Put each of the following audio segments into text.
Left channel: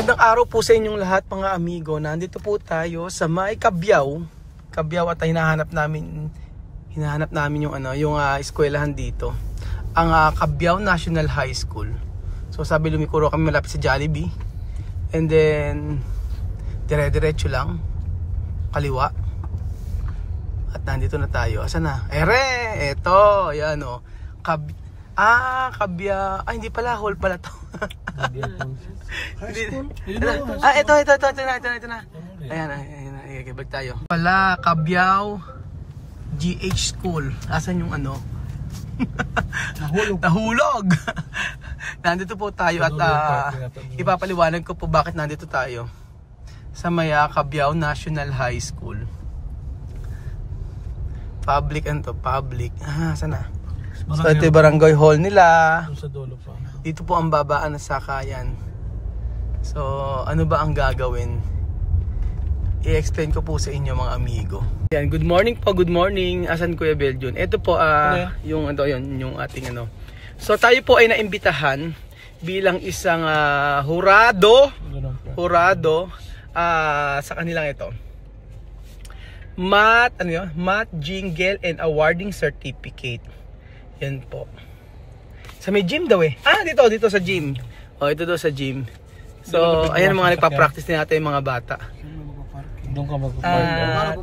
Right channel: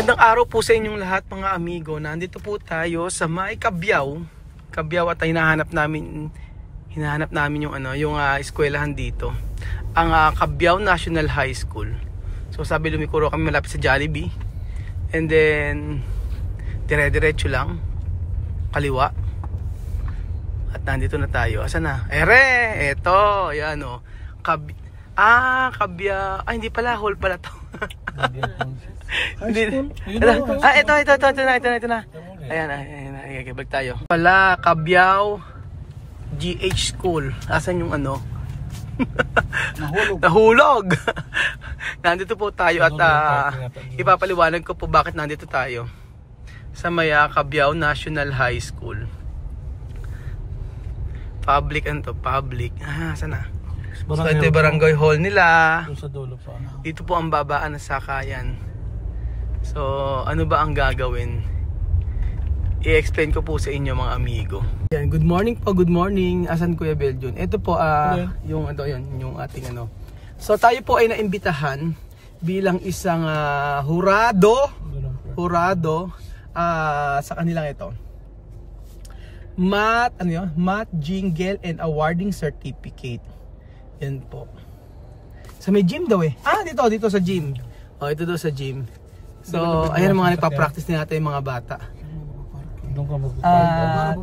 Magandang araw po sa inyong lahat mga amigo. Nandito po tayo sa may Cabiao. Cabiao at hinahanap namin yung eskwelahan dito. Ang Cabiao National High School. So sabi lumikuro kami malapit sa Jollibee. And then dire-diretso lang kaliwa. At nandito na tayo. Asa na? Ere! Eto! Yan o. Cabiao. Ay, hindi pala. Hall pala to. Ito na. Ayan. Bag tayo. Pala, Cabiao GH School. Asan yung ano? Nahulog. Nandito po tayo at ipapaliwanag ko po bakit nandito tayo. Sa may Cabiao National High School. Public. Sana. So ito yung barangay hall nila. Dito po ang babaan ng sakayan. So ano ba ang gagawin? I-explain ko po sa inyo mga amigo. Yan, good morning po, good morning. Asan Kuya Beljon? Ito po yung ating ano. So tayo po ay naimbitahan bilang isang hurado sa kanilang ito. Math Jingle and Awarding Certificate. Yan po. Sa may gym daw eh. Dito sa gym. Ito daw sa gym. So, ayan mga nagpa-practice din natin yung mga bata. Doon ka magpa-park.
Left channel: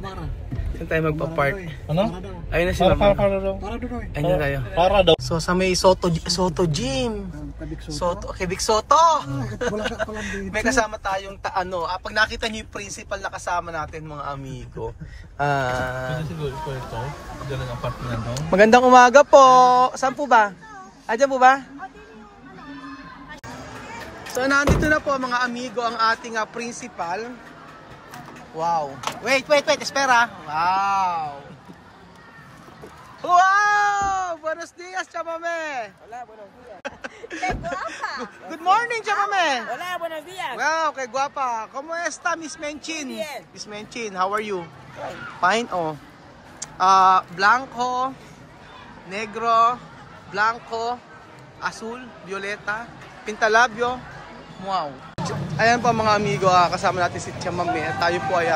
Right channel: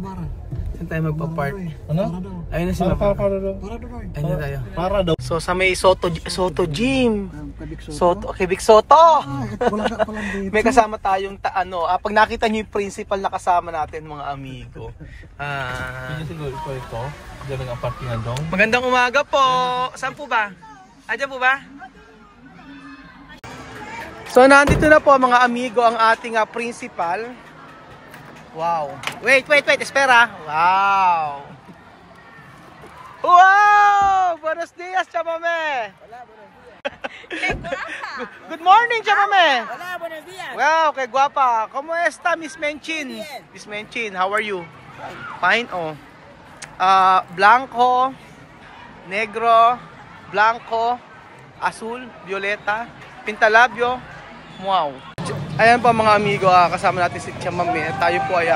Saan tayo magpa-park? Ano? Ayun na si Mama. Ayun na tayo. So, sa may Soto Gym. Quebec Soto. May kasama tayong pag nakita niyo yung principal na kasama natin mga amigo. Magandang umaga po. Saan po ba? Diyan po ba? So nandito na po mga amigo ang ating principal. Wow. Wait, espera. Wow. Buenos dias, chamame. Hola, buenos días. Good morning, chamame. Hola, buenos días. Wow, kay guapa. ¿Cómo está, Miss Menchin? Bien. Miss Menchin, how are you? Fine, blanco, negro, blanco, azul, violeta, pintalabyo. Wow. Ayan po mga amigo, kasama natin si Chamame. Tayo po ay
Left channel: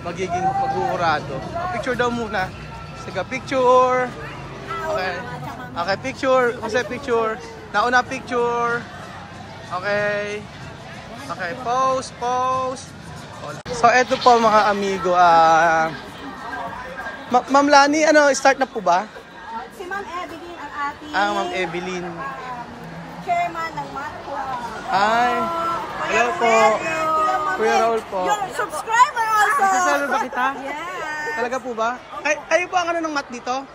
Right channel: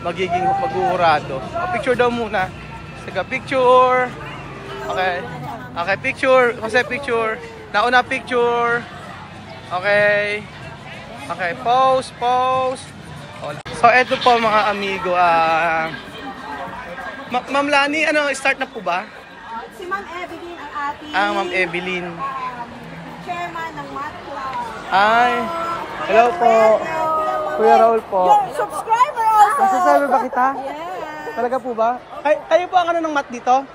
magiging maghuhurado. Picture daw muna. Sige, picture. Okay, picture. Kasi picture. Nauna picture. Okay, pose. So eto po mga amigo, Ma'am Lani, start na po ba? Si Ma'am Evelyn ang ating Ma'am Evelyn. chairman ng Math Club. Ay, hello po. Kuya Raul po. Yung subscriber also. Masasabi ba kita? Yeah. Talaga po ba? Kayo po ang ng math dito?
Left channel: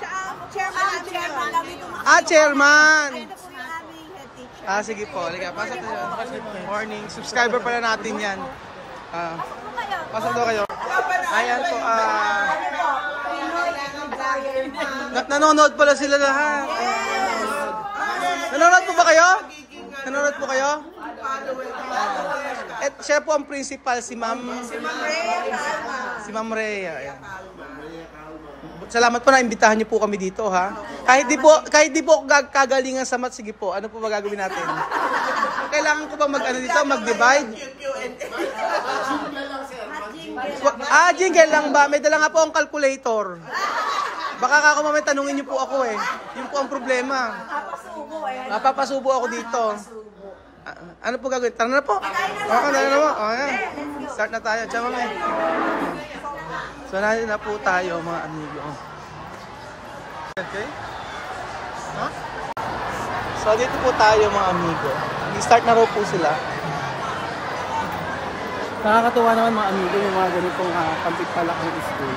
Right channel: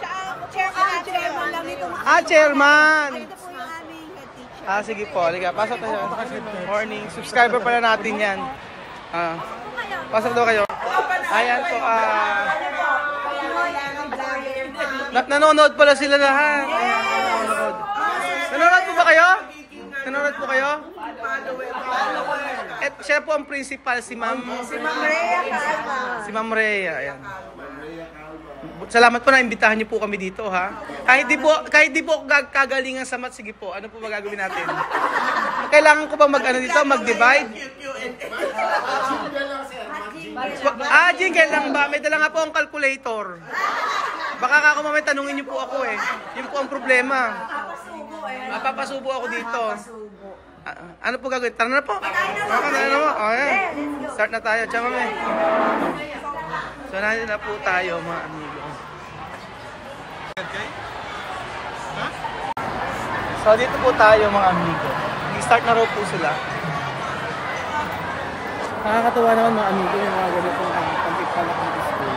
Siya ang chairman lang nito. Chairman! Ito po yung aming head teacher. Sige po. Halika, pasok tayo. Morning. Subscriber pala natin yan. Pasok daw kayo. Ayan po. Nanonood pala sila lahat. Ayan, nanonood. Nanonood po ba kayo? Nanonood po kayo? Siya po ang principal, si Ma'am Rhea. Ayan. Salamat po na imbitahan niyo po kami dito, ha. Kahit di po kagalingan sa math, sige po. Ano po ba gagawin natin? Kailangan ko bang mag-divide? Jingle lang ba? May dala nga po ang calculator. Baka ako mamaya tanungin niyo po ako eh. Yun po ang problema. Mapapasubo ako dito. Ano po gagawin? Tara na po. Ayan. Start na tayo. Chamame. So nandito na po tayo mga amigo. Okay? So dito po tayo mga amigo. I-start na raw po sila. Nakakatuwa naman mga amigo yung mga ganitong pantit pala ang school.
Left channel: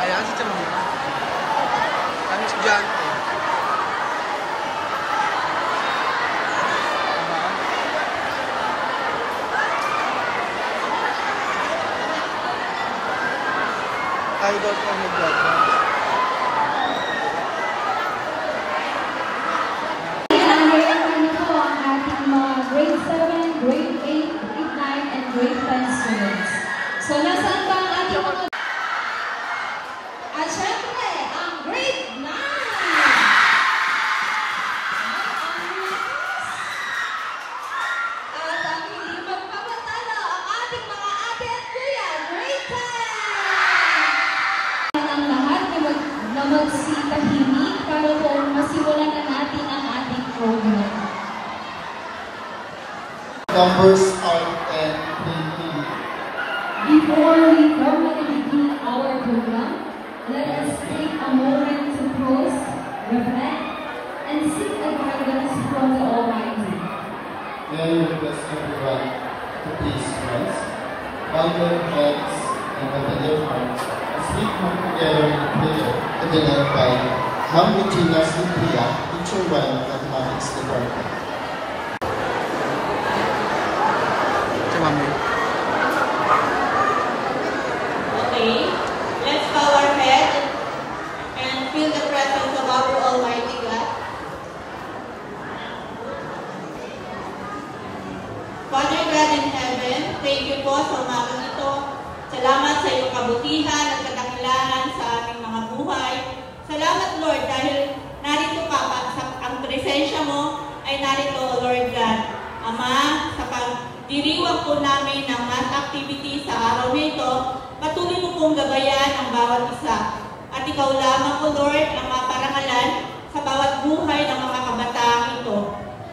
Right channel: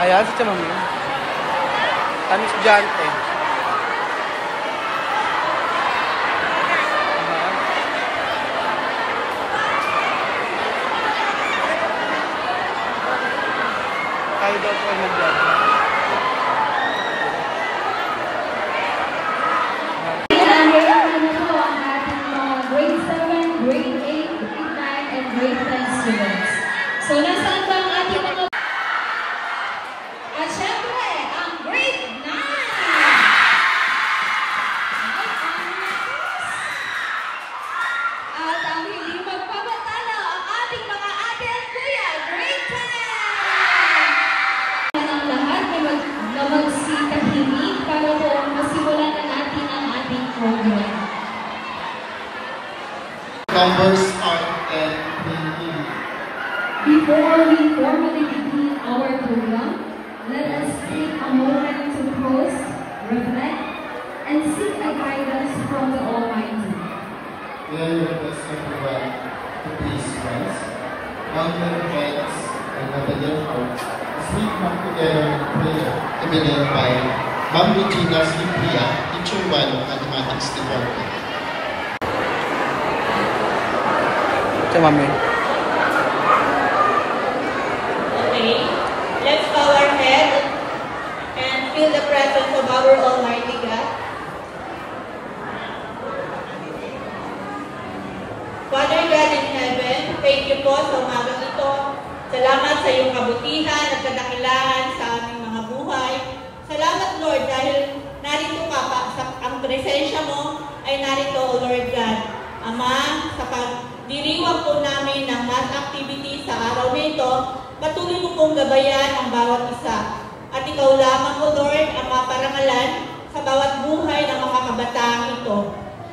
Ayan si Chamame. Kami estudyante. Tayo daw po ay mag-vlog. So, nasaan ba ang ating mga Before we formally begin our program, let us take a moment to pause, reflect, and seek a guidance from the Almighty. May I request everyone to please rise, bow your heads, and open your hearts as we come together in prayer to be led by Ma'am Regina Simplia, Teacher 1, Mathematics Department. Ito, mami. Okay, let's bow our head and feel the presence of our Almighty God. Father God in heaven, thank you po sa umagang ito. Salamat sa iyong kabutihan at kadakilaan sa aming mga buhay. Salamat Lord dahil narito ka pa, ang presensya mo ay narito Lord God. Ama, sa pagdiriwang po namin ng math activity sa araw na ito, patuloy mo pong gabayan ang bawat isa. At ikaw lamang, O Lord, ang maparangalan sa bawat buhay ng mga kabataang ito.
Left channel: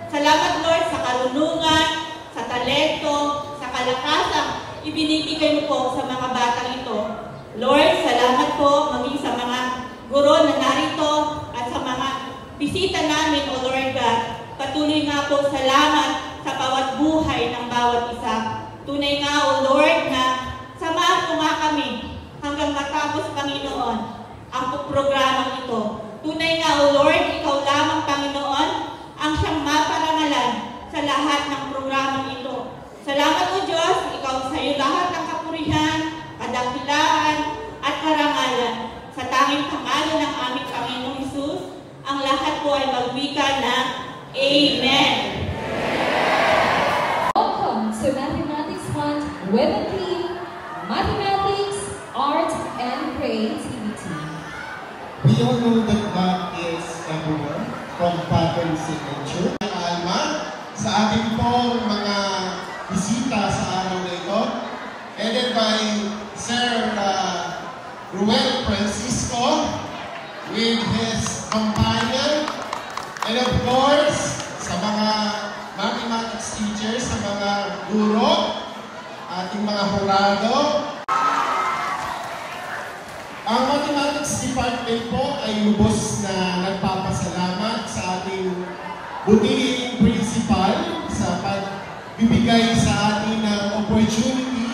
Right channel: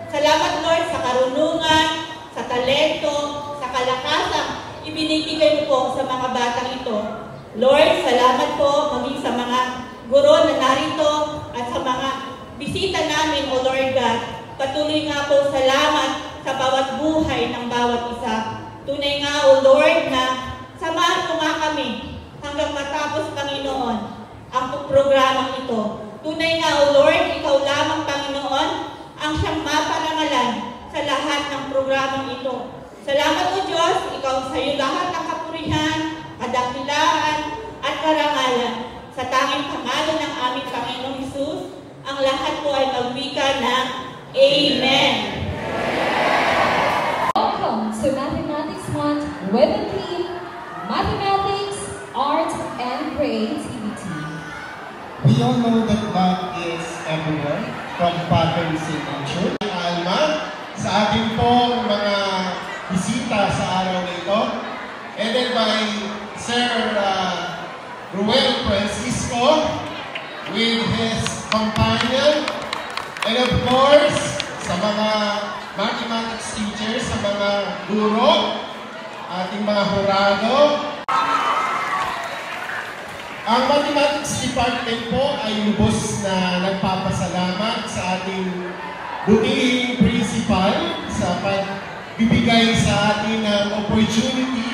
Salamat, Lord, sa karunungan, sa talento, sa kalakasang ibinibigay mo po sa mga batang ito. Lord, salamat po maging sa mga guro na narito at sa mga bisita namin, O Lord God. Patuloy nga po salamat sa bawat buhay ng bawat isa. Tunay nga, O Lord, na samahan mo nga kami hanggang matapos, Panginoon, ang programang ito. Tunay nga, O Lord, ikaw lamang, Panginoon, ang siyang maparangalan sa lahat ng programang ito. Salamat, O Diyos, ikaw sa iyo lahat ng kapurihan, kadakilaan, at karangalan. Sa tanging pangalan ng aming Panginoong Hesus, ang lahat po ay magwika ng Amen. Welcome to Mathematics Month with the theme Mathematics, Art, and Creativity. We all know that math is everywhere, from pattern signature. Alma, sa ating po mga bisita sa araw na ito, headed by Sir Ruel Francisco with his companion, and of course, sa mga mathematics teachers, sa mga guro, ating mga hurado. Ang Mathematics Department po ay lubos na nagpapasalamat sa ating butihing principal sa pagbibigay sa atin ng opportunity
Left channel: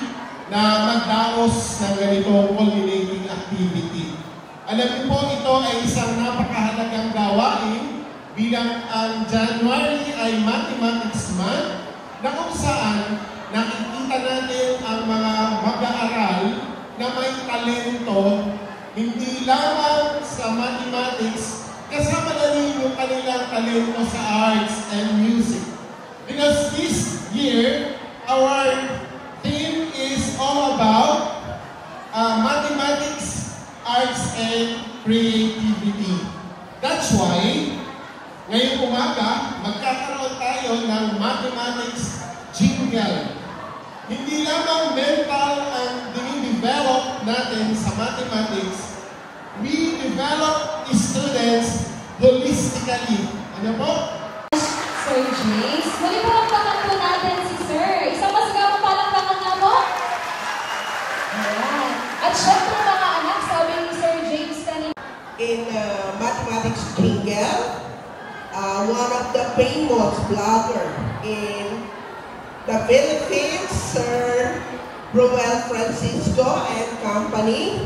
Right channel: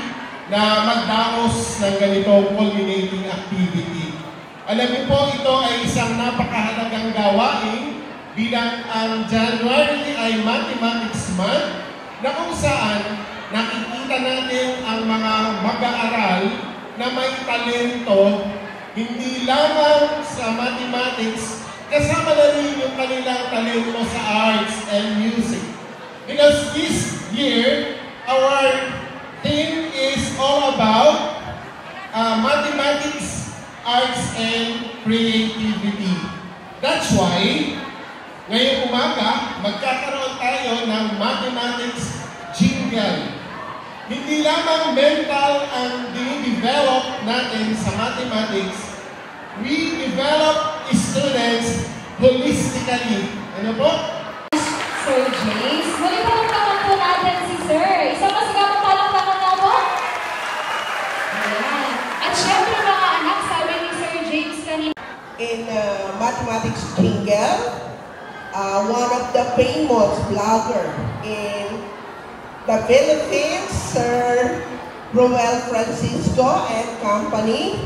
na magdaos ng ganitong culminating activity. Alam niyo po, ito ay isang napakahalagang gawain bilang ang January ay Mathematics Month na kung saan nakikita natin ang mga mag-aaral na may talento hindi lamang sa mathematics, kasama na rin yung kanilang talento sa arts and music. Because this year, our theme is all about mathematics, arts, and creativity. That's why, ngayong umaga, magkakaroon tayo ng mathematics jingle. Hindi lamang mental ang dinidevelop natin sa mathematics, we develop students holistically. Ano po? Sir James, may palakpakan po natin si Sir. Isang masigang palakpakan na po. Ayan. At syempre mga anak, sabi ni Sir James kanina. In mathematics jingle, one of the famous blogger in the Philippines, Sir Ruel Francisco and company,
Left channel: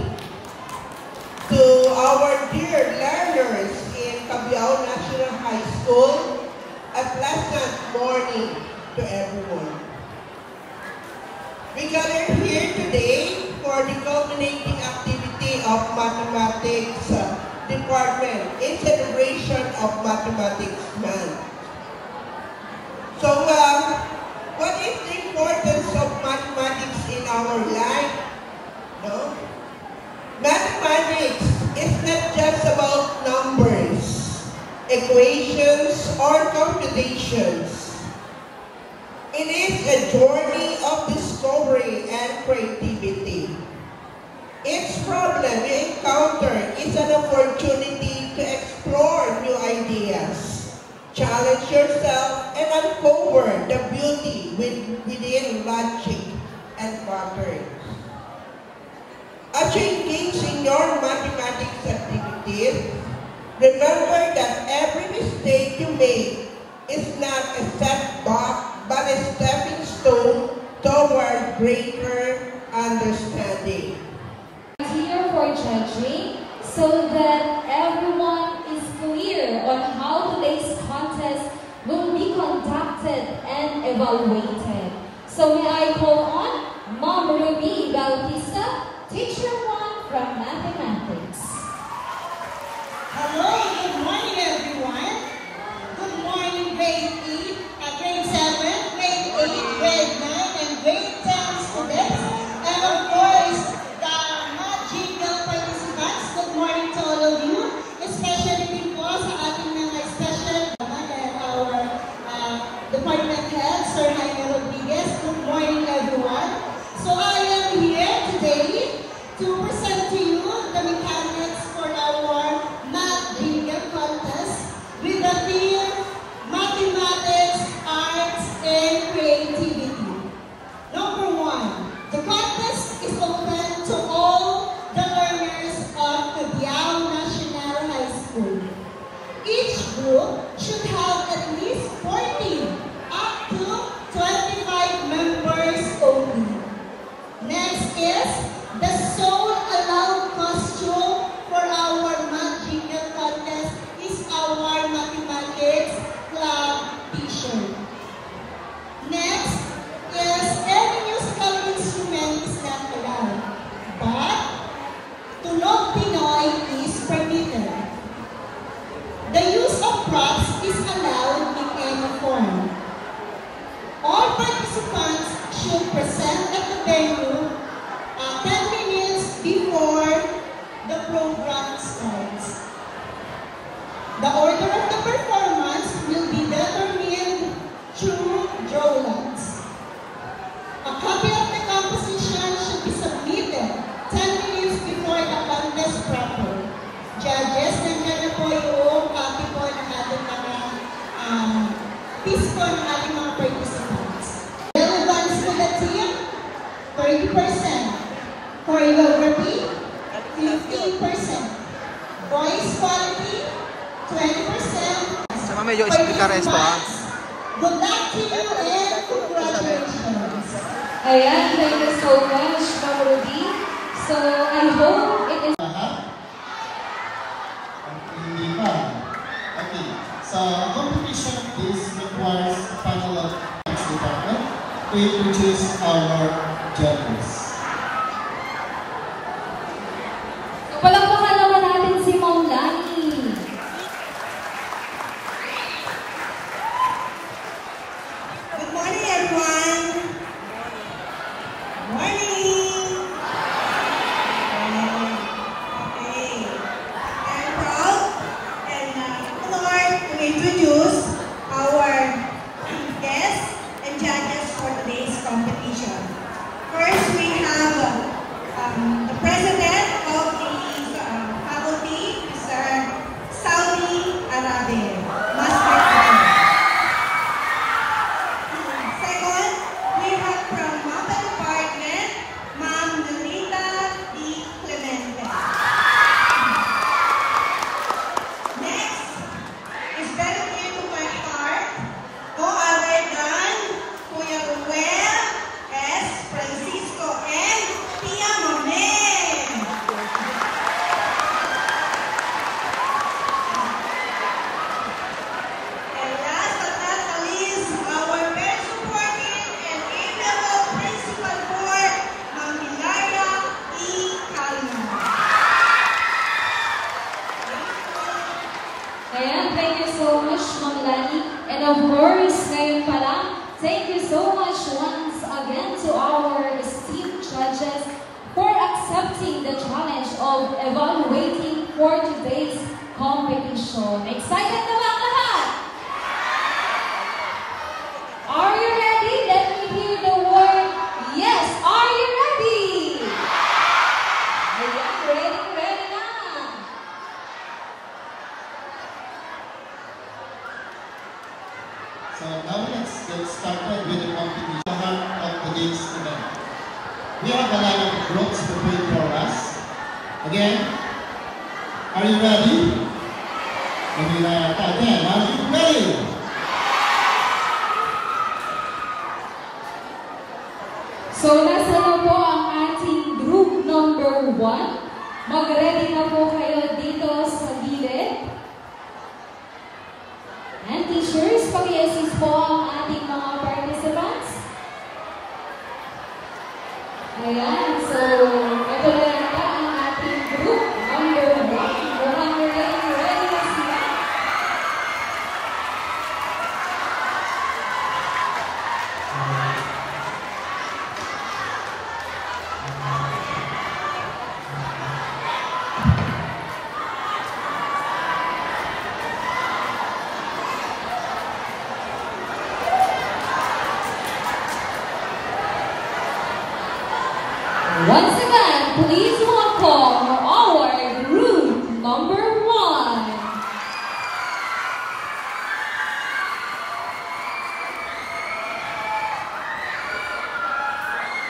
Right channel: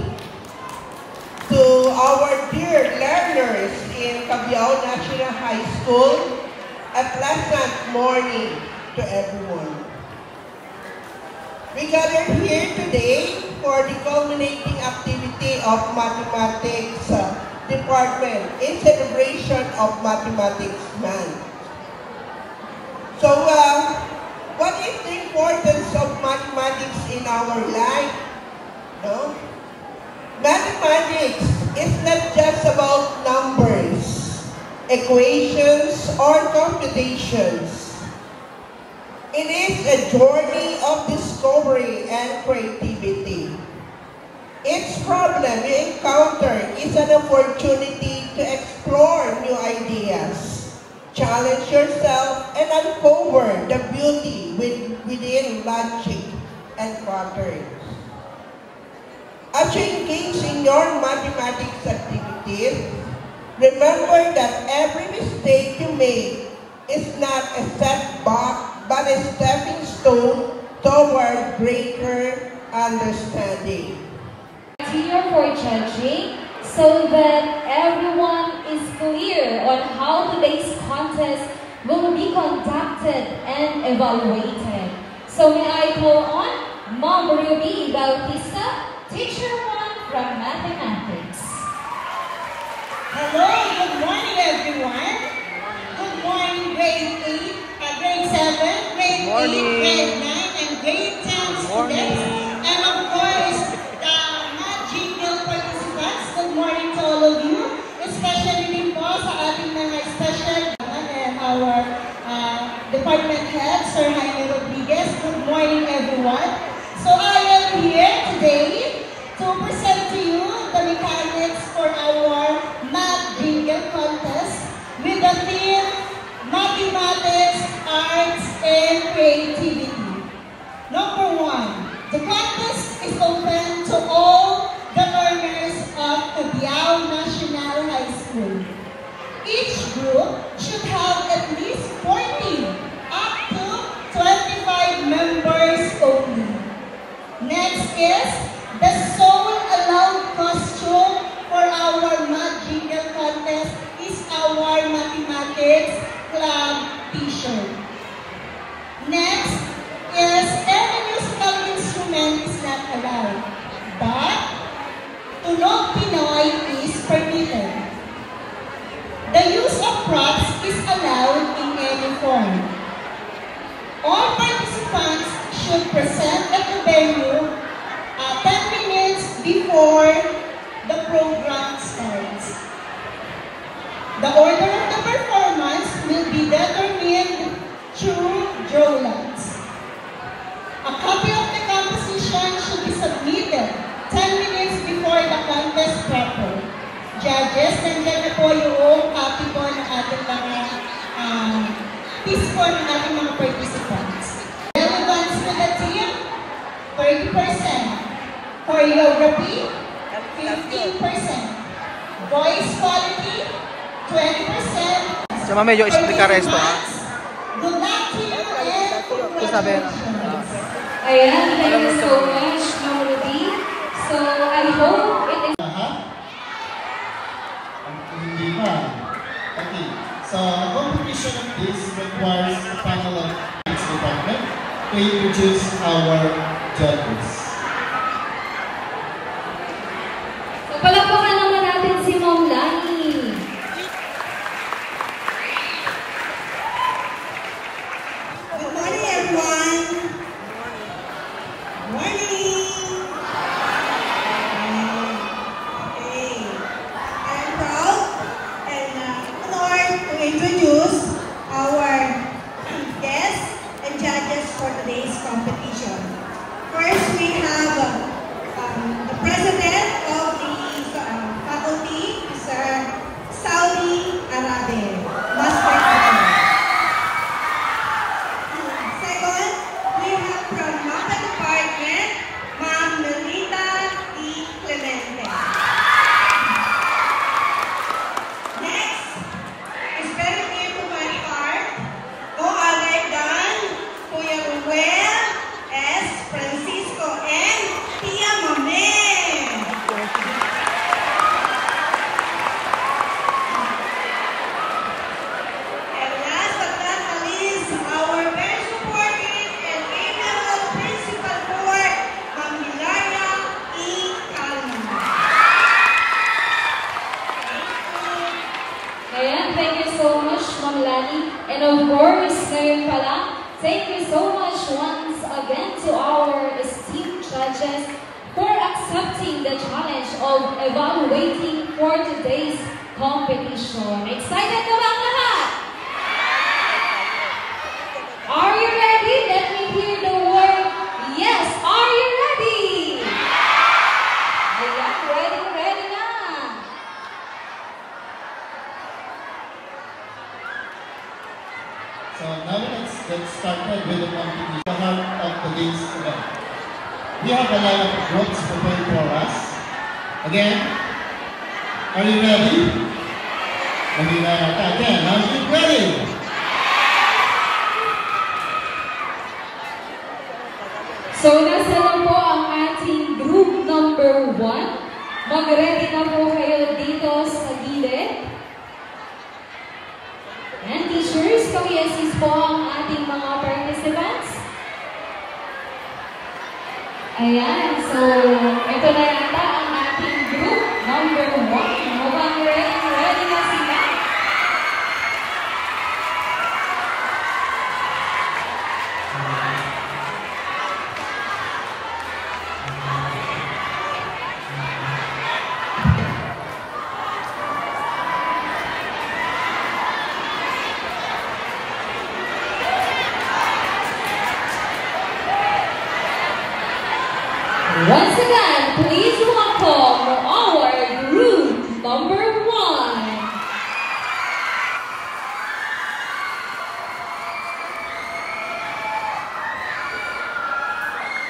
to our dear learners in Cabiao National High School, a pleasant morning to everyone. We gather here today for the culminating activity of Mathematics Department in celebration of Mathematics Month. So, what is the importance of mathematics in our life? No? Mathematics is not just about numbers, equations, or computations. It is a journey of discovery and creativity. Each problem you encounter is an opportunity to explore new ideas, challenge yourself, and uncover the beauty within logic and patterns. As you engage in your mathematics activities, remember that every mistake you make is not a setback, but a stepping stone toward greater understanding. Here for judging, so that everyone is clear on how today's contest will be conducted and evaluated. So may I call on Ma'am Ruby Bautista, Teacher 1 from Mathematics. Hello, good morning everyone. Good morning grade 8, grade 7, grade 8, grade 9, and grade 10 students. And of course, the magical participants, good morning to all of you. Especially din po sa ating mga special and our department head, Sir Jaime Rodriguez. Good morning everyone. So I am here today to present to you the mechanics for our math jingle contest with the theme Mathematics, Arts, and Creativity. Number 1, the contest is open to all the learners of Cabiao National High School. Each group should have at least 14 up to 25 members only. Next is the sole allowed costume for our math jingle contest is our mathematics club t-shirt. Next is any musical instrument is not allowed, but Tunog Pinoy is permitted. The use of props is allowed in any form. All participants should present at the venue 10 minutes before the program starts. The order of the performance will be determined through drawings. A copy of the composition should be submitted 10 minutes before the contest proper. Judges, nandiyan na po yung copy po ng ating mga piece po ng ating mga participants. Relevance to the team, 30%. Choreography, 15%. Voice quality, 20%. Sama medyo explicar esto ha. Good luck to you and congratulations. Ayan, thank you so much, Ma'am Ruby. So I hope it is... Hindi pa. Okay. So, a competition of this requires a panel of department to introduce our judges. So palakpakan naman natin si Ma'am Lani. Good morning, everyone. Good morning. Okay. I'm proud and honored to introduce our guests and judges for today's competition. First, we have the president of the faculty, Mr. Saudi Arabe. Second, we have from Mapa Department, Ma'am Melita D. Clemente. Next is very near to my heart, no other than Kuya Ruel S. Francisco and Tia Mame. And last but not least, our very supportive and amiable principal board, Ma'am Hilaria E. Calma. Ayan, thank you so much, Ma'am Lani. And of course, ngayon pa lang, thank you so much once again to our esteemed judges for accepting the challenge of evaluating for today's competition. Excited na ba ang lahat? Are you ready? Let me hear the word yes. Are you ready? Ayan, ready na. So now let's get started with the competition of today's event. We have a line of groups prepared for us. Again, are you ready? Again, are you ready? So, nasa na po ang ating group number 1. Mag-ready na po kayo dito sa gilid. And teachers, paki-assist po ang ating mga participants. Ayan, so ito na yata ang ating group number 1. Mukhang ready na sila. Once again, please welcome our group number 1.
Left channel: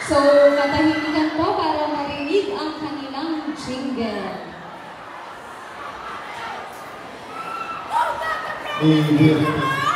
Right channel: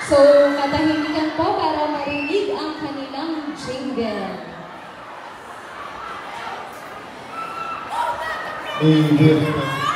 So, katahimikan po para marinig ang kanilang jingle. Good.